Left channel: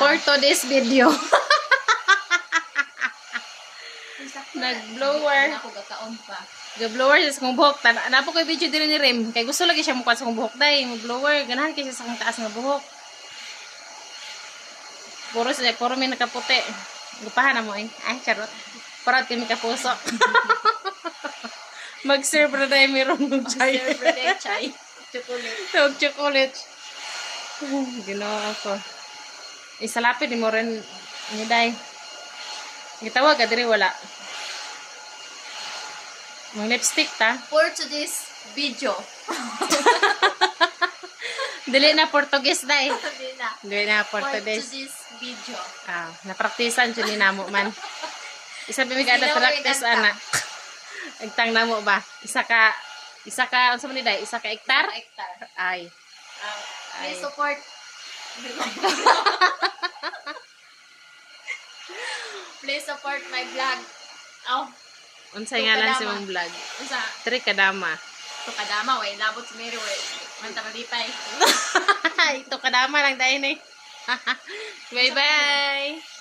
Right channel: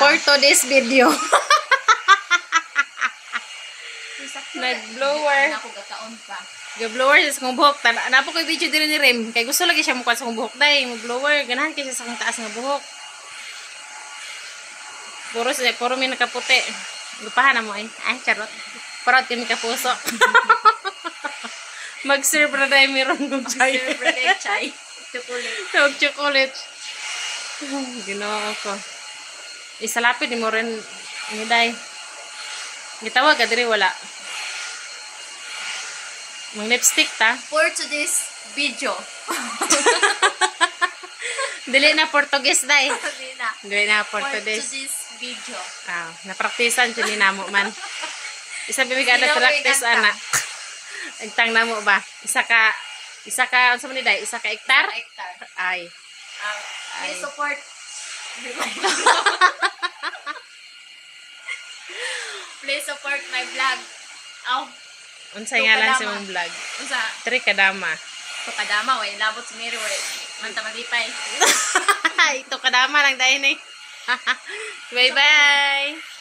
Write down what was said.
For today's video. Nag-blower. Ako gakaon pa. Nag-blower sa kong buhok. Napo ko video din ni Rem. Kay gusto lagi siya mukha sa kong buhok. Day, mag-blower. Ganahan kayo sa kong taas ng buhok. Puro may nakaputi. Gupahan na mo eh. Ay, charot. Parang kami kapuso. Mag-serve na tayo mayroon ng chai. Mag-serve na tayo chai. Chocolate. Tawag chocolate. Ginawa ko. Isalapit ni mo rin. Day. Gitawag ka diri wala. Mag lipstick ta. For today's video. Dili na Portuguese day. Dili na For Portuguese. today's video. Napraktisan dyan ni namo man. Isa bimigada practice ana. Agtang namo ba? Isa ka unsa man ni day? Isa ka hektar? Hector. Ay. Please support. Please support my vlog. Unsay ngalan sa mong vlog? Unsa? Tri kadama. Ito kadama, way. Labot si Mary, way. Manta malipay. Ito kadama lang dahil eh. Bye-bye.